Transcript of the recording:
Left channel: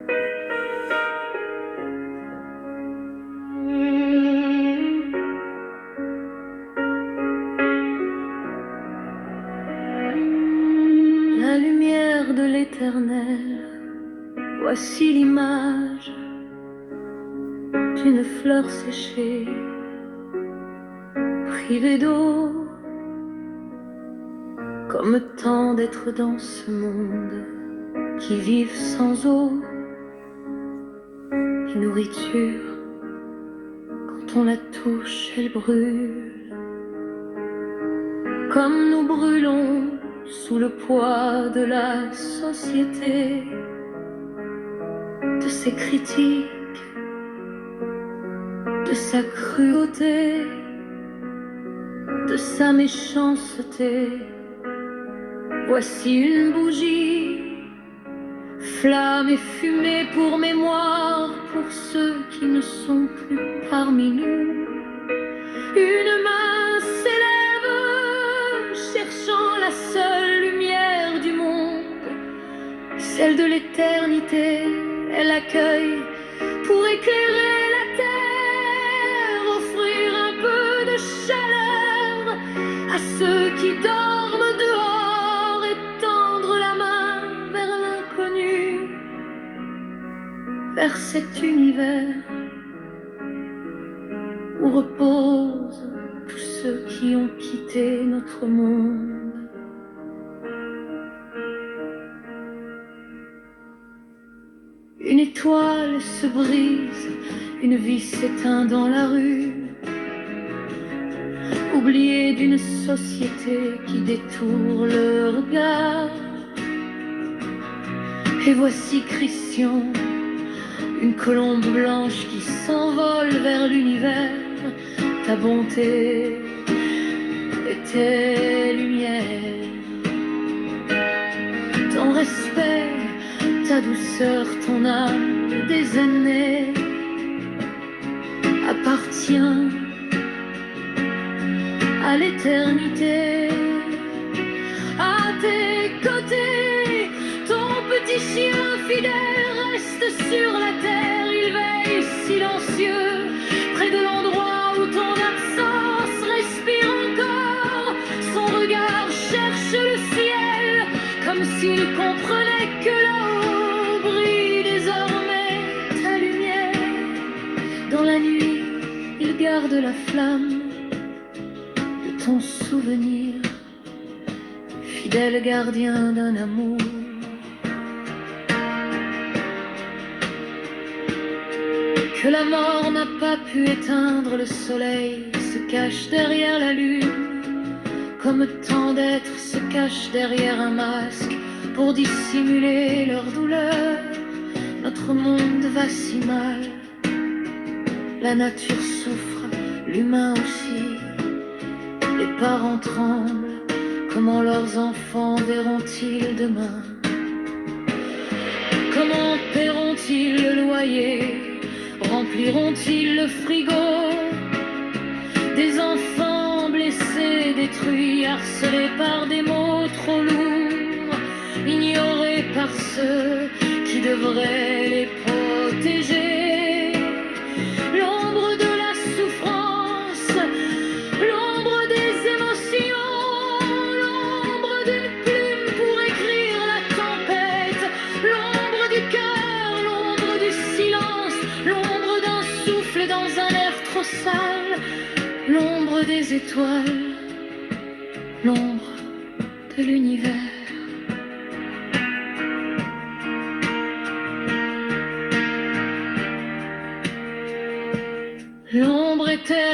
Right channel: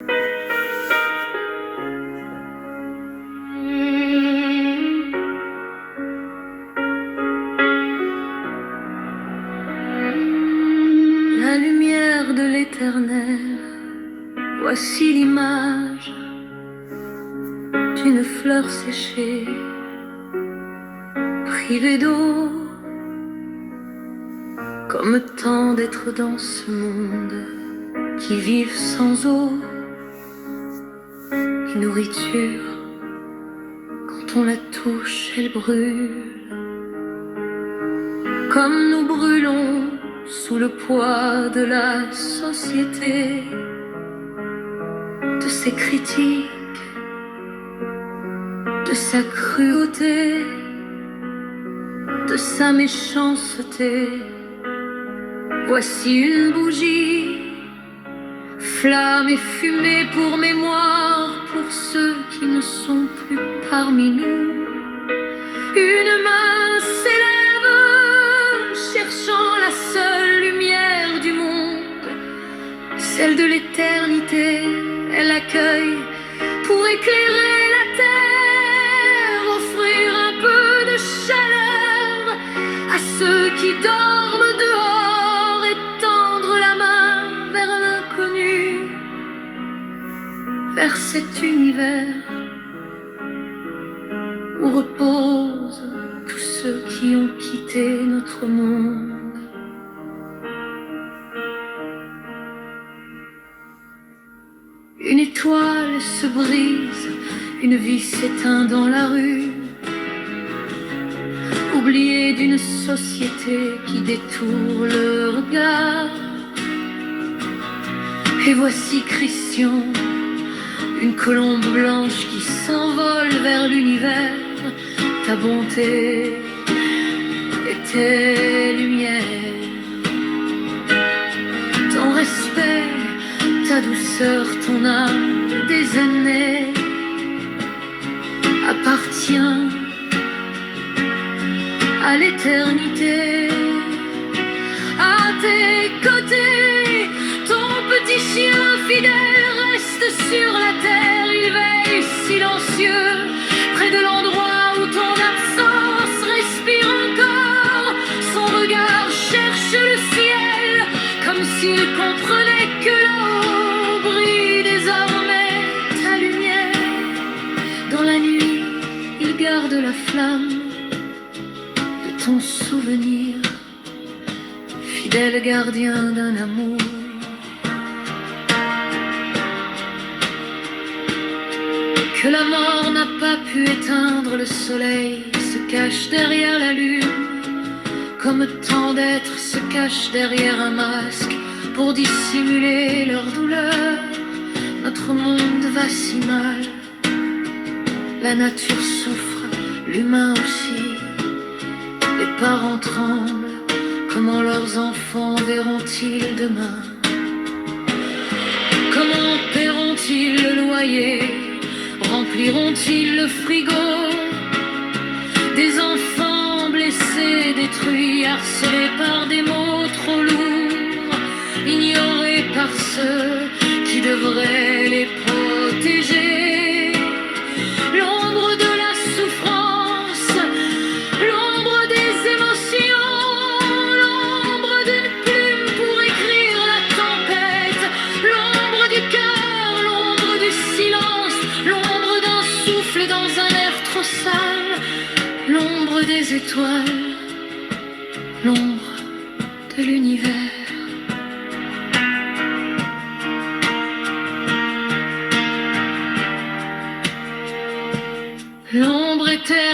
La lumière de l'éternel, voici l'image d'une fleur séchée, privée d'eau, comme tant d'êtres dans ce monde qui vivent sans eau et nourriture. Quand on la touche, elle brûle, comme nous brûlons sous le poids de la société, de ses critiques, de sa cruauté, de sa méchanceté. Voici une bougie, flamme et fumée pour mémoire, pour ceux qui ne sont plus parmi nous. Une main s'élève, cherchant la seule lumière du monde, celle de l'éternité. Elle accueille pour éclairer la terre, offrir un peu de chaleur à ceux qui dorment dehors et tendre la main vers l'inconnu, vers cet univers où reposent tous ceux qui ont quitté notre monde. Une étoile se brise, une vie s'éteint dans la rue, oubliée d'une société qui détourne le regard. Et voici Christian, une colombe blanche qui s'envole vers l'univers. Ta bonté et tes lumières, ton respect, ta douceur, ton âme des années appartient à l'éternité. À tes côtés, ton petit chien fidèle reste sur la terre. Il veille silencieux près de l'endroit où ton absence respire encore. Son regard cherche le ciel comme s'il comprenait que là-haut brille désormais ta lumière. Dans la nuit, il garde la flamme de ton souvenir, fidèle gardien d'un amour. Que la mort n'a pas pu éteindre, le soleil se cache derrière la lune, comme tant d'êtres se cachent derrière un masque pour dissimuler leur douleur. Notre monde va si mal, la nature souffre, l'humain aussi. Les parents tremblent, comment leurs enfants verront-ils demain? Comment paieront-ils le loyer? Rempliront-ils le frigo? Des enfants blessés, détruits, harcelés par des mots trop lourds, ignorés par ceux qui devraient les protéger. L'ombre de la souffrance, l'ombre des émotions, l'ombre d'une plume pour écrire la tempête, l'ombre du cœur, l'ombre du silence, l'ombre d'un souffle dans un air trop sale, l'ombre des étoiles, l'ombre de l'univers. L'ombre éternelle